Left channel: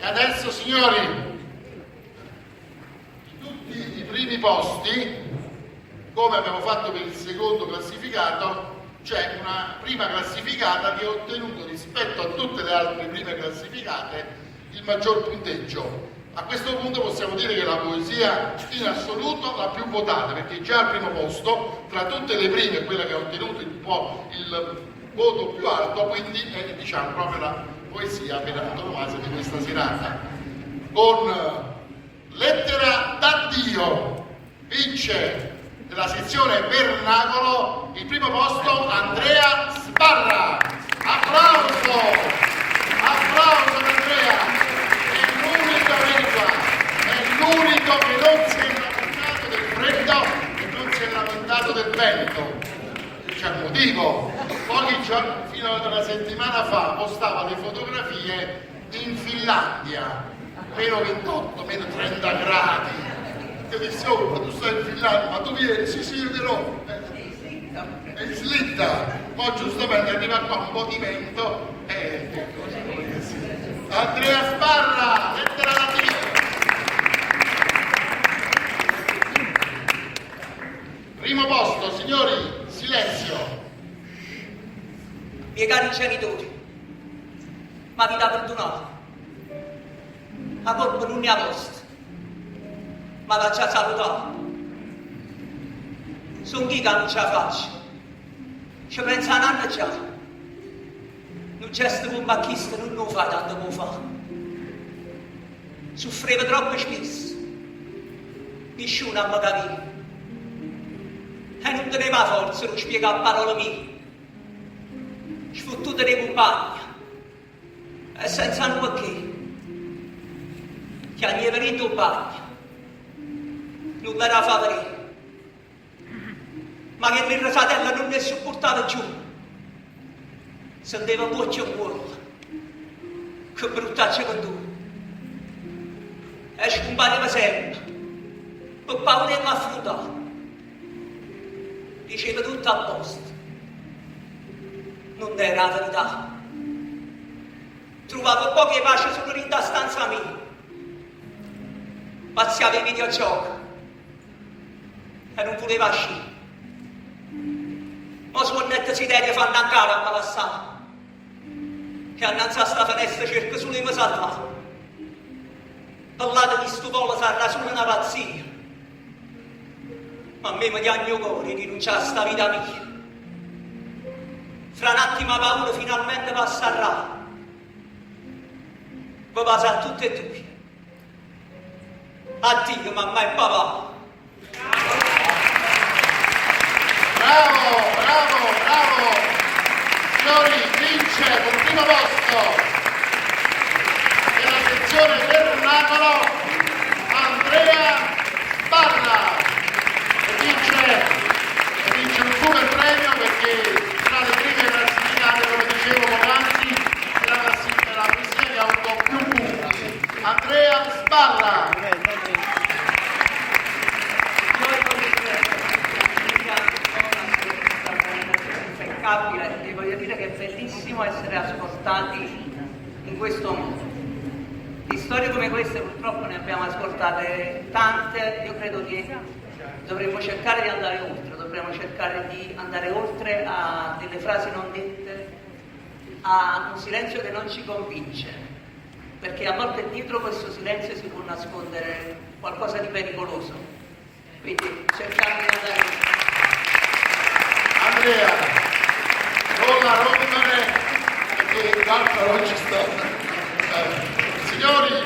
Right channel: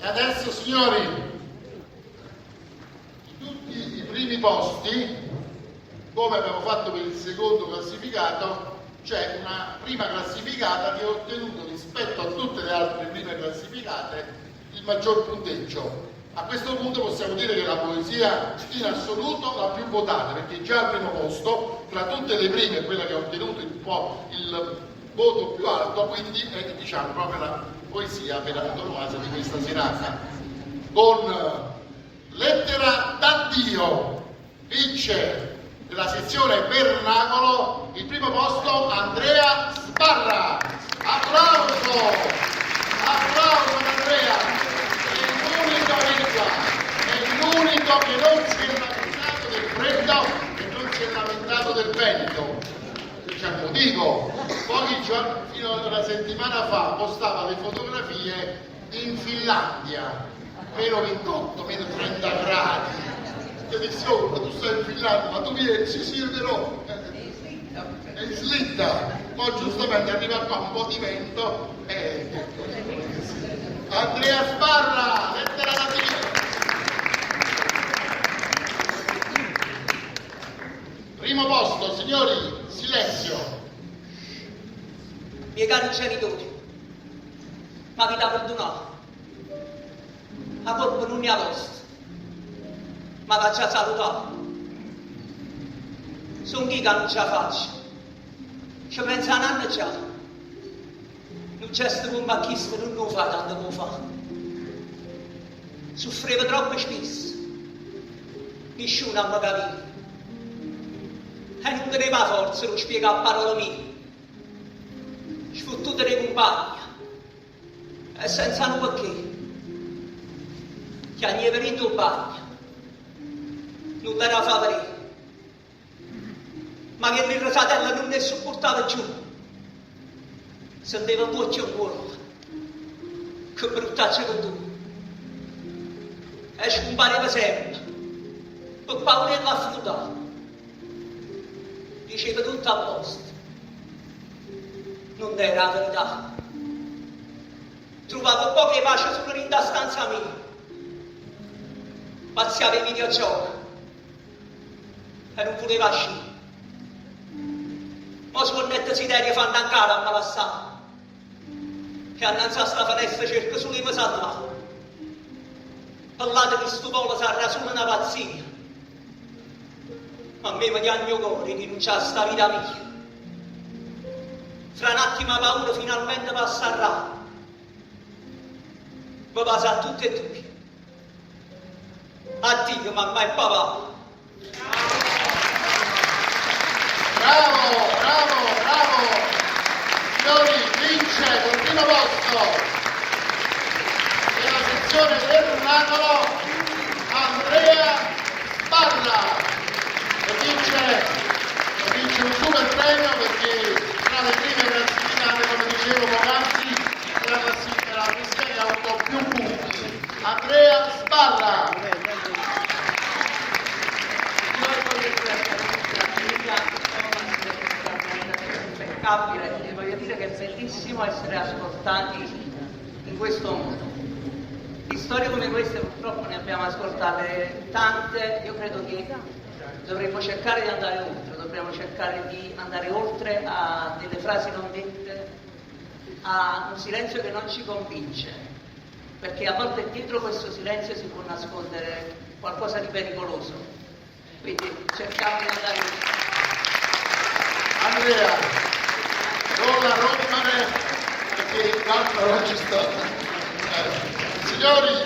E adesso, signori, tutti i primi posti, come abbiamo fatto per il secondo classificato, c'è una prima classificata che ha ottenuto rispetto a tutte le altre prime classificate il maggior punteggio. A questo punto possiamo dire che la poesia in assoluto la più votata, perché già al primo posto, tra tutte le prime, quella che ha ottenuto il voto più alto, quindi è, diciamo, proprio la poesia per antonomasia di questa serata. Con Lettera d'addio vince della sezione Vernacolo il primo posto Andrea Sbarra. Applauso! Applauso ad Andrea! È l'unico che non si è lamentato del freddo e non si è lamentato del vento. C'è un motivo. Pochi giorni, fino a una settimana fa, postava le fotografie in Finlandia, meno 28, meno 30 gradi. Io dissi, oh, ma tu stai in Finlandia, ma tu vieni, sì, però. È in slitta. Poi giustamente arriva qua un po' di vento e che cosa vuoi sì. Andrea Sbarra, lettera d'addio. Primo posto, signori, silenzio. Miei cari genitori, ma vi da perdonato. La colpa non è a vostra, ma va già salutato. Sono chi che non ce la faccio. Ci pensa un anno già. Un gesto con bacchista non lo fa tanto come fa. Soffriva troppo spesso. Nessuno mi capiva. E non teneva forza di spiegare a parole mie. Sfottuta dei compagni. E senza un perché. Che a mia verità in bagno. Non l'era favorire. Ma che il fratello non ne sopportava giù. Senteva voce in cuore. Che bruttaccia con tu. E scompareva sempre. Per paura di affrontare. Diceva tutto a posto. Non era la verità. Trovavo poche pace solo in da stanza mia. Pazziava i videogiochi. E non voleva uscire. Ma scornette si deve fanno ancora a malassare. Che annanzi a sta finestra cerca solo di mi salvare. Parlate di sto polo sarà solo una pazzia. Ma a me mi dà il mio cuore rinunciare a sta vita mia. Fra un attimo la paura finalmente passerà. Vi passa a tutte e due. Addio mamma e papà. Bravo, bravo, bravo! Signori, vince col primo posto della sezione Vernacolo Andrea Sbarra e vince un super premio perché tra le prime classificate, come dicevo poc'anzi, è la poesia che ha avuto più punti. Andrea Sbarra! Vi voglio dire che è bellissimo essere ascoltati in questo modo. Di storie come queste purtroppo ne abbiamo ascoltate tante. Io credo che dovremmo cercare di andare oltre, dobbiamo cercare di andare oltre a delle frasi non dette, a un silenzio che non ci convince, perché a volte dietro questo silenzio si può nascondere qualcosa di pericoloso. Quindi cerchiamo di andare oltre. Andrea, con la rompere perché l'altro non ci sta. Signori,